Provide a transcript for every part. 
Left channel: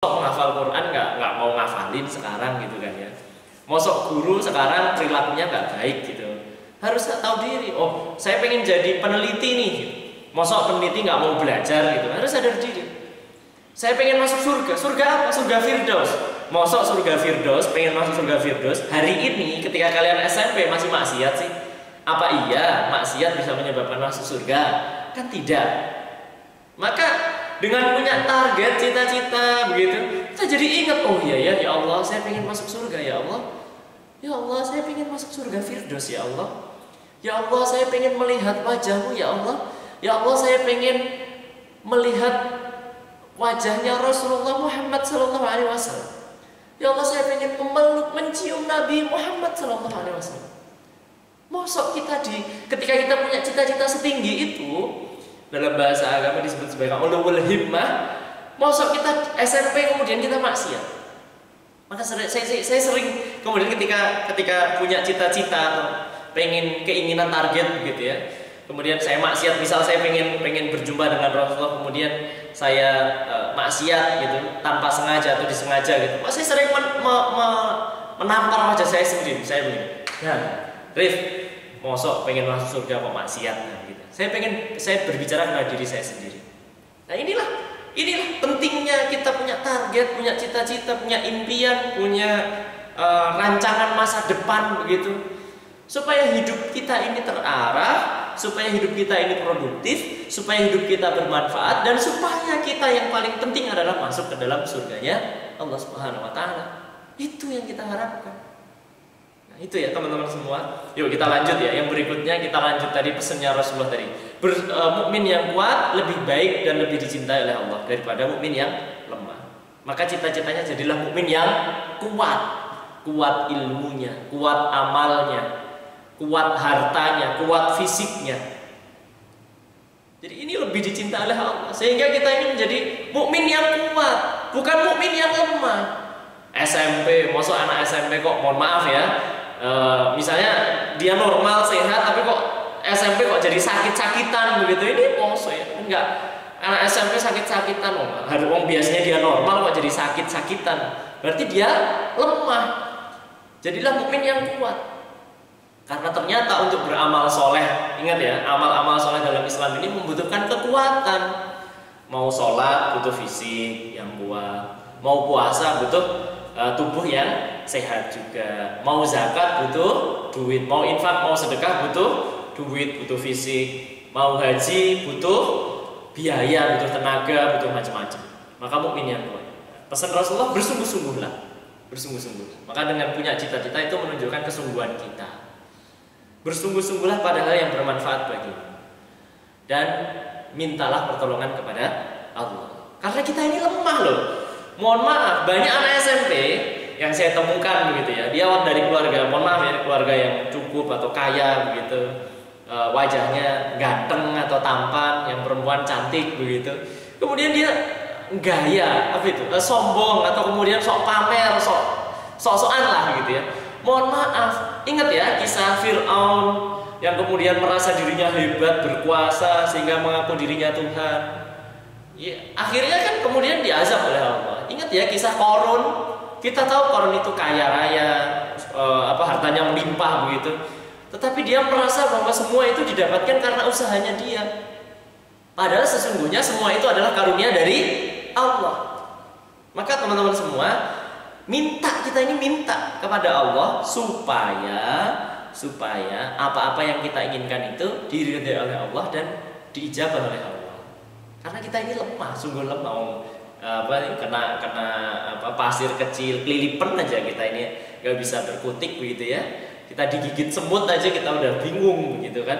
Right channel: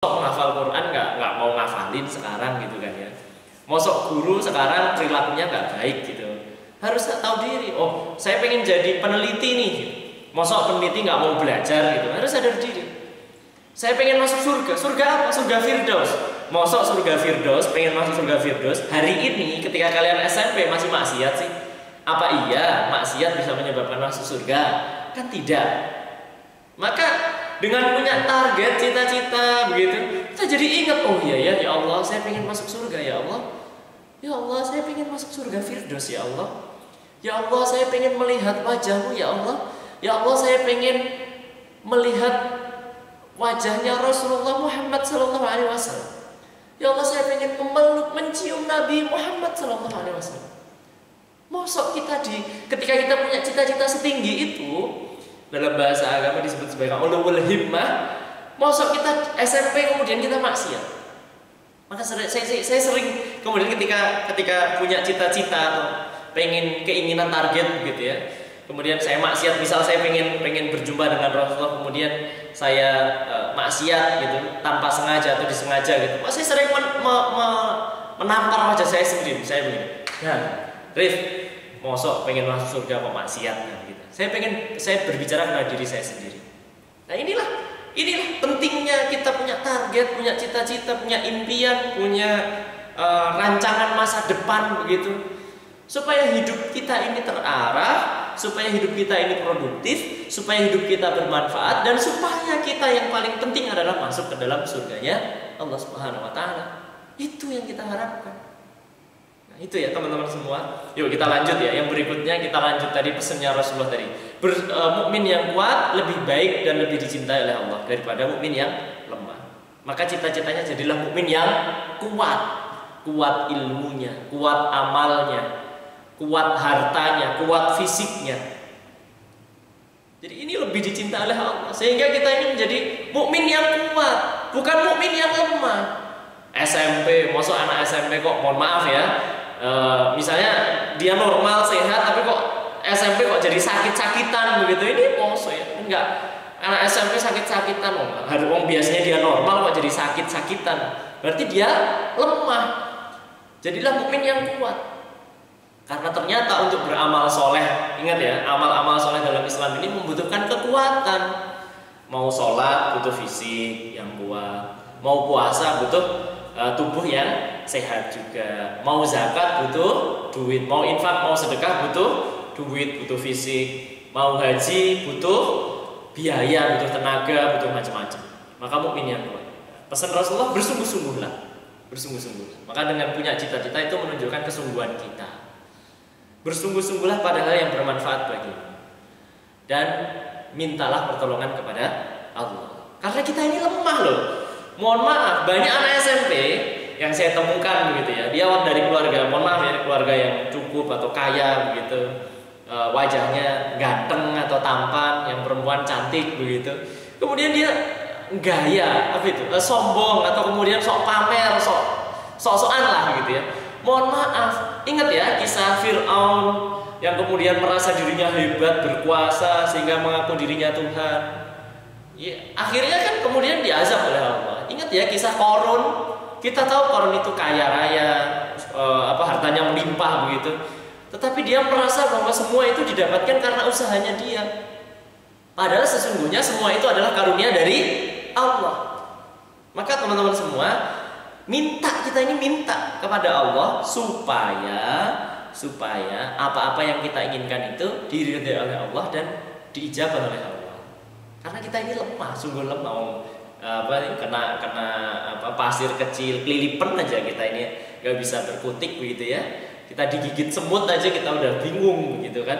menghafal Quran nggak mau ngafalin sekarang gitu kan ya. Mosok guru sekarang perilakunya nggak baik gitu. Harus tahu diri. Oh, saya pengen jadi peneliti nih. Mosok peneliti nggak mau belajar gitu. Harus sadar diri. Saya pengen masuk surga. Surga apa? Surga Firdaus. Mosok surga Firdaus, pengen masuk surga Firdaus. Hari ini ketika kalian SMP masih maksiat sih? Apa iya maksiat bisa menyebabkan masuk surga? Kan tidak. Maka dengan punya target, cita-cita begitu, kita jadi ingat, oh iya ya, ya Allah, saya pengen masuk surga ya Allah. Ya Allah, saya pengen masuk surga Firdaus ya Allah. Ya Allah, saya pengen melihat wajahmu ya Allah. Ya Allah, saya pengen melihat wajahnya Rasulullah Muhammad sallallahu alaihi wasallam. Ya Allah, saya pengen memeluk, mencium Nabi Muhammad sallallahu alaihi wasallam. Mosok kita ketika kita punya cita-cita setinggi itu, dalam bahasa agama disebut sebagai ulul himmah. Mosok kita SMP kemudian kita maksiat. Maka saya sering kemudian ketika punya cita-cita atau keinginan target begitu ya. Kemudian saya maksiat, misal saya pengen berjumpa dengan Rasulullah, kemudian saya maksiat gitu tanpa sengaja atau disengaja gitu. Saya sering menampar wajah saya sendiri. Saya begini. Ya, Rif, mosok pengen masuk surga kok maksiat gitu. Saya berbicara kepada diri saya sendiri. Nah, inilah pentingnya kita punya target, punya cita-cita, punya impian, punya rancangan masa depan begitu. Supaya hidup kita ini terarah, supaya hidup kita ini produktif, supaya hidup kita bermanfaat, dan supaya kita yang paling penting adalah masuk ke dalam surganya Allah Subhanahu wa taala. Itu yang kita harapkan. Itu ya teman-teman semua. Yuk kita lanjut ya. Yang berikutnya kita lanjut tadi pesannya Rasulullah tadi. Mukmin yang kuat lebih baik dan lebih dicintai oleh Allah daripada mukmin yang lemah. Maka cita-citanya jadilah mukmin yang kuat. Kuat ilmunya, kuat amalnya, kuat hartanya, kuat fisiknya. Jadi ini lebih dicintai oleh Allah. Sehingga kita ini menjadi mukmin yang kuat, bukan mukmin yang lemah. SMP, maksud anak SMP kok mohon maaf ya. Misalnya dia normal sehat tapi kok SMP kok jadi sakit-sakitan begitu, ini moso ya. Enggak, anak SMP sakit-sakitan wong biasanya dia normal kok jadi sakit-sakitan, berarti dia lemah. Jadilah mukmin yang kuat, karena ternyata untuk beramal soleh, ingat ya, amal-amal soleh dalam Islam ini membutuhkan kekuatan. Mau sholat butuh fisik yang kuat, mau puasa butuh tubuh yang sehat juga, mau zakat butuh duit, mau infak, mau sedekah butuh duit, butuh fisik, mau haji butuh biaya, butuh tenaga, butuh macam-macam. Maka mukmin yang kuat. Pesan Rasulullah, bersungguh-sungguhlah, bersungguh-sungguh. Maka dengan punya cita-cita itu menunjukkan kesungguhan kita. Bersungguh-sungguhlah pada hal yang bermanfaat bagimu, dan mintalah pertolongan kepada Allah. Karena kita ini lemah loh. Mohon maaf, banyak anak SMP yang saya temukan begitu ya, dia dari keluarga, mohon maaf ya, keluarga yang cukup atau kaya begitu, wajahnya ganteng atau tampan, yang perempuan cantik begitu. Kemudian dia gaya apa itu, sombong, atau kemudian sok pamer, sok-sokan lah gitu ya. Mohon maaf, ingat ya kisah Fir'aun yang kemudian merasa dirinya hebat, berkuasa sehingga mengaku dirinya Tuhan. Ya, akhirnya kan kemudian diazab oleh Allah. Ingat ya kisah Qarun. Kita tahu Qarun itu kaya raya, hartanya melimpah begitu. Tetapi dia merasa bahwa semua itu didapatkan karena usahanya dia. Padahal sesungguhnya semua itu adalah karunia dari Allah. Maka teman-teman semua, kita ini minta kepada Allah supaya apa-apa yang kita inginkan itu diridhai oleh Allah dan diijabah oleh Allah. Karena kita ini lemah, sungguh lemah. Kena pasir kecil, kelilipan aja kita ini nggak bisa berkutik begitu ya. Kita digigit semut aja kita udah bingung begitu kan.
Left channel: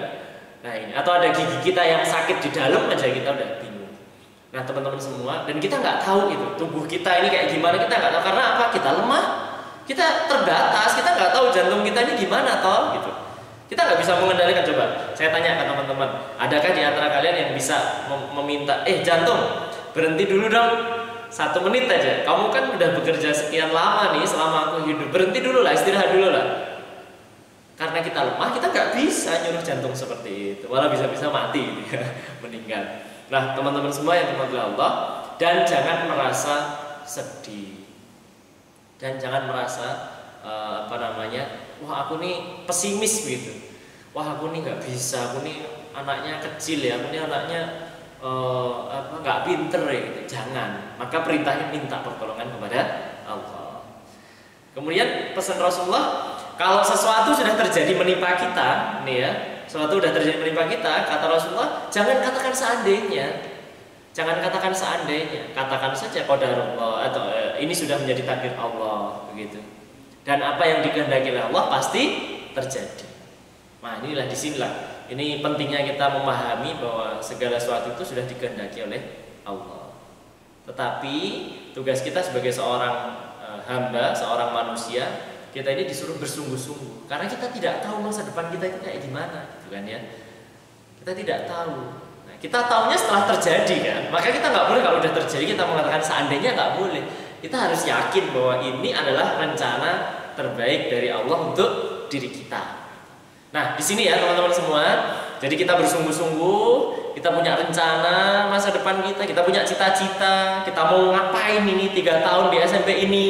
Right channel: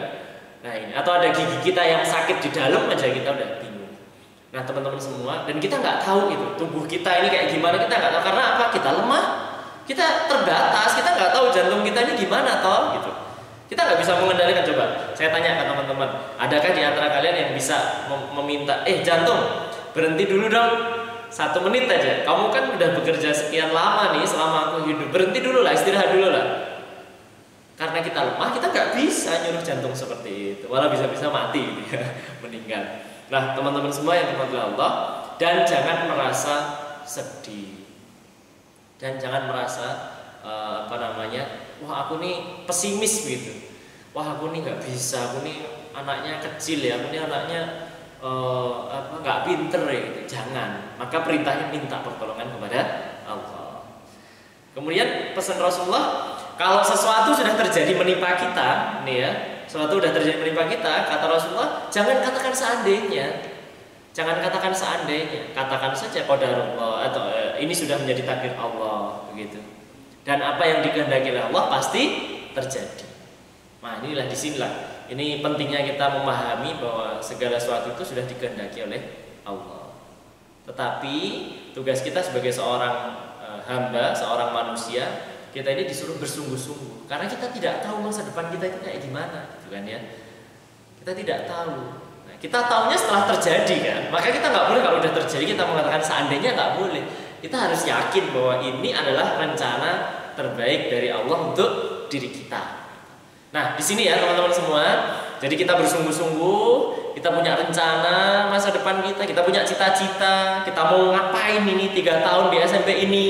Nah ini, atau ada gigi kita yang sakit di dalam aja kita udah bingung. Nah teman-teman semua, dan kita nggak tahu itu tubuh kita ini kayak gimana, kita nggak tahu. Karena apa? Kita lemah, kita terbatas, kita nggak tahu jantung kita ini gimana toh gitu. Kita nggak bisa mengendalikan. Coba saya tanya ke teman-teman, adakah di antara kalian yang bisa meminta, jantung berhenti dulu dong 1 menit aja, kamu kan udah bekerja sekian lama nih selama aku hidup, berhenti dulu lah, istirahat dulu lah. Karena kita lemah, kita nggak bisa nyuruh jantung seperti itu, malah bisa-bisa mati gitu ya, meninggal. Nah teman-teman semua yang dirahmati Allah, dan jangan merasa sedih. Dan jangan merasa wah aku nih pesimis gitu. Wah aku nih nggak bisa, aku nih anaknya kecil ya, aku nih anaknya nggak pinter ya gitu. Jangan. Maka perintahnya minta pertolongan kepada Allah. Kemudian pesan Rasulullah, kalau sesuatu sudah terjadi menimpa kita, nih ya, sesuatu sudah terjadi menimpa kita, kata Rasulullah, jangan katakan seandainya. Jangan katakan seandainya, katakan saja qadarullah atau ini sudah menjadi takdir Allah begitu. Dan apa yang dikehendaki oleh Allah pasti terjadi. Nah, inilah disinilah. Ini pentingnya kita memahami bahwa segala sesuatu itu sudah dikehendaki oleh Allah. Tetapi tugas kita sebagai seorang hamba, seorang manusia, kita ini disuruh bersungguh-sungguh. Karena kita tidak tahu masa depan kita itu kayak gimana, gitu kan ya. Kita tidak tahu. Kita tahunya setelah terjadi kan, maka kita nggak boleh kalau udah terjadi kita mengatakan seandainya, nggak boleh. Kita harus yakin bahwa ini adalah rencana terbaik dari Allah untuk diri kita. Nah di sini ya teman-teman semua, jadi kita bersungguh-sungguh, kita punya rencana masa depan kita punya cita-cita, kita mau ngapain ini 3 tahun di SMP ini,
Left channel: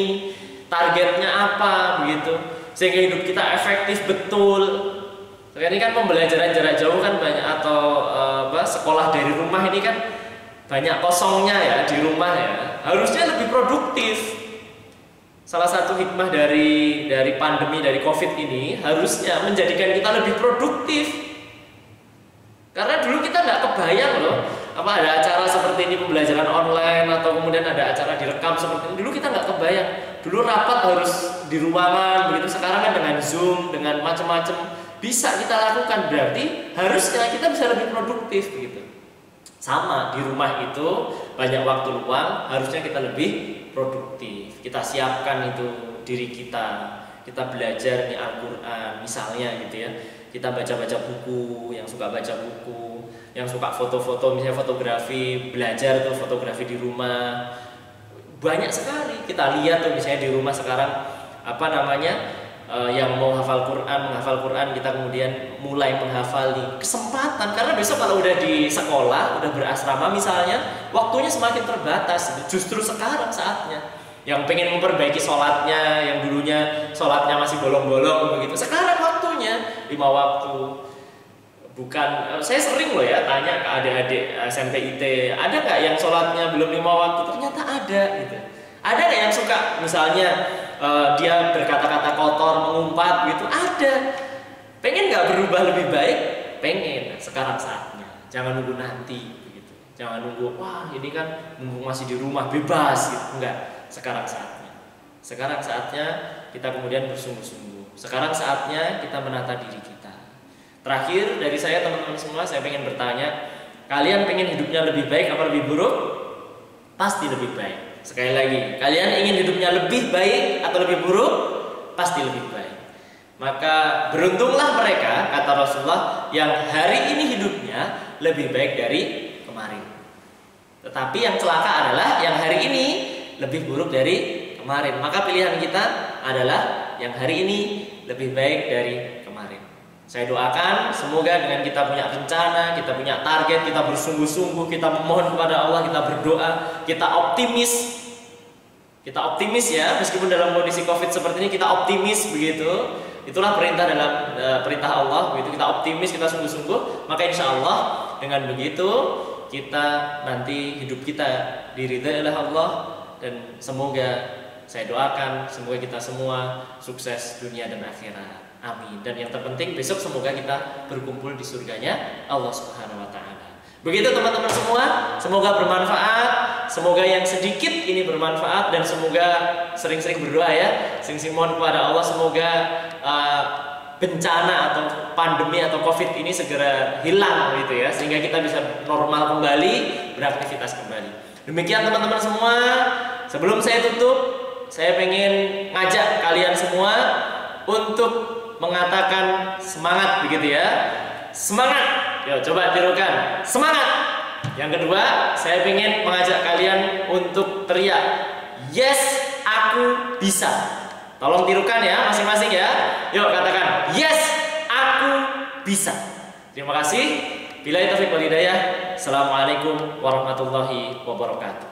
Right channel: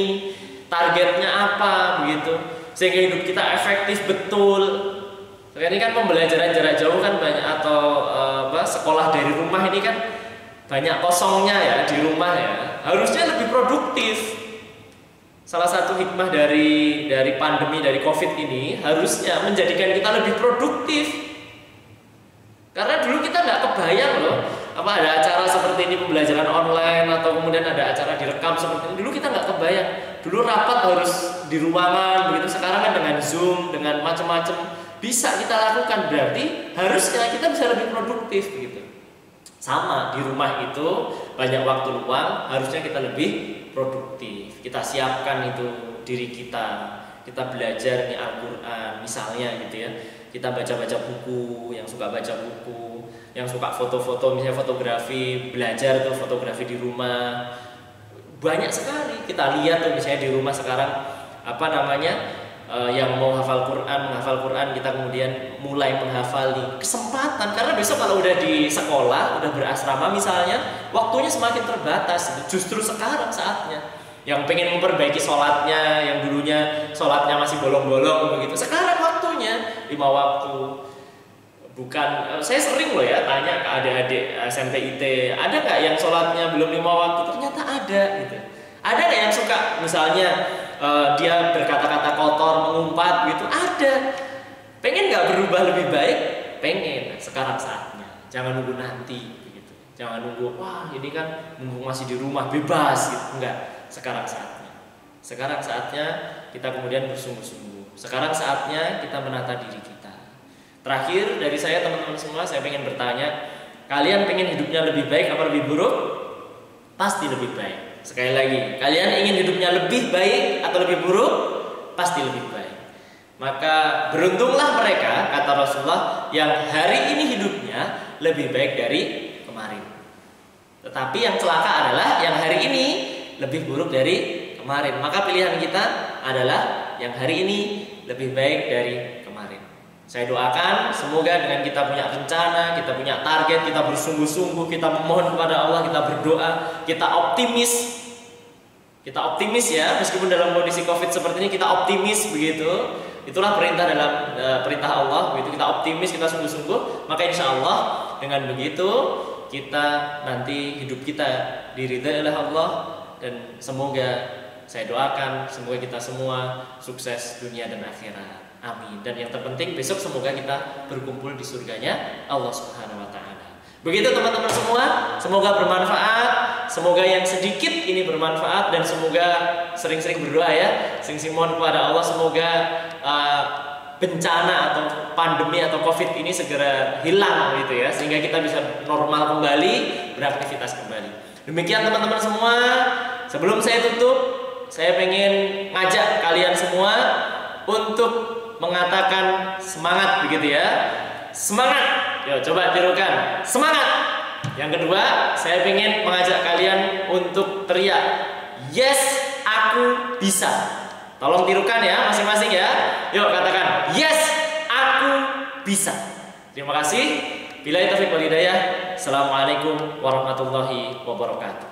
targetnya apa begitu, sehingga hidup kita efektif betul. Sekarang ini kan pembelajaran jarak jauh kan banyak, atau sekolah dari rumah ini kan banyak kosongnya ya di rumah ya. Harusnya lebih produktif. Salah satu hikmah dari pandemi, dari COVID ini harusnya menjadikan kita lebih produktif. Karena dulu kita nggak kebayang loh, apa ada acara seperti ini, pembelajaran online, atau kemudian ada acara direkam seperti ini. Dulu kita nggak kebayang. Dulu rapat harus di ruangan begitu. Sekarang kan dengan Zoom, dengan macam-macam bisa kita lakukan, berarti harusnya kita bisa lebih produktif begitu. Sama di rumah itu banyak waktu luang, harusnya kita lebih produktif. Kita siapkan itu diri kita belajar nih Al-Quran misalnya gitu ya. Kita baca-baca buku, yang suka baca buku, yang suka foto-foto misalnya fotografi, belajar tuh fotografi di rumah. Banyak sekali kita lihat tuh misalnya di rumah sekarang yang mau menghafal Quran, kita kemudian mulai menghafali, kesempatan. Karena besok kalau udah di sekolah, udah berasrama misalnya, waktunya semakin terbatas. Justru sekarang saatnya. Yang pengen memperbaiki sholatnya, yang dulunya sholatnya masih bolong-bolong begitu, sekarang waktunya 5 waktu. Bukan, saya sering loh ya tanya ke adik-adik SMP IT, ada nggak yang sholatnya belum 5 waktu? Ternyata ada gitu. Ada nggak yang suka misalnya dia berkata-kata kotor, mengumpat gitu? Ada. Pengen nggak berubah lebih baik? Pengen. Sekarang saatnya. Jangan nunggu nanti begitu. Jangan nunggu, wah ini kan mumpung masih di rumah bebas gitu. Enggak. Sekarang saatnya. Sekarang saatnya kita kemudian bersungguh-sungguh. Sekarang saatnya kita menata diri kita. Terakhir dari saya teman-teman semua, saya pengen bertanya, kalian pengen hidupnya lebih baik apa lebih buruk? Pasti lebih baik. Sekali lagi, kalian ingin hidupnya lebih baik atau lebih buruk? Pasti lebih baik. Maka beruntunglah mereka, kata Rasulullah, yang hari ini hidupnya lebih baik dari kemarin. Tetapi yang celaka adalah yang hari ini lebih buruk dari kemarin. Maka pilihan kita adalah yang hari ini lebih baik dari kemarin. Saya doakan semoga dengan kita punya rencana, kita punya target, kita bersungguh-sungguh, kita memohon kepada Allah, kita berdoa, kita optimis. Kita optimis ya, meskipun dalam kondisi Covid seperti ini kita optimis begitu. Itulah perintah dalam perintah Allah begitu. Kita optimis, kita sungguh-sungguh, maka insya Allah dengan begitu kita nanti hidup kita diridhai oleh Allah, dan semoga saya doakan semoga kita semua sukses dunia dan akhirat. Amin. Dan yang terpenting besok semoga kita berkumpul di surganya Allah Subhanahu wa taala. Begitu teman-teman semua, semoga bermanfaat, semoga yang sedikit ini bermanfaat, dan semoga sering-sering berdoa ya, sering-sering mohon kepada Allah semoga bencana atau pandemi atau Covid ini segera hilang gitu ya, sehingga kita bisa normal kembali, beraktivitas kembali. Demikian teman-teman semua, sebelum saya tutup, saya pengen ngajak kalian semua untuk mengatakan semangat begitu ya. Semangat. Yo coba tirukan. Semangat. Yang kedua, saya ingin mengajak kalian untuk teriak, yes, aku bisa. Tolong tirukan ya masing-masing ya. Yuk katakan, yes, aku bisa. Terima kasih. Billahi taufiq wal hidayah. Assalamualaikum warahmatullahi wabarakatuh.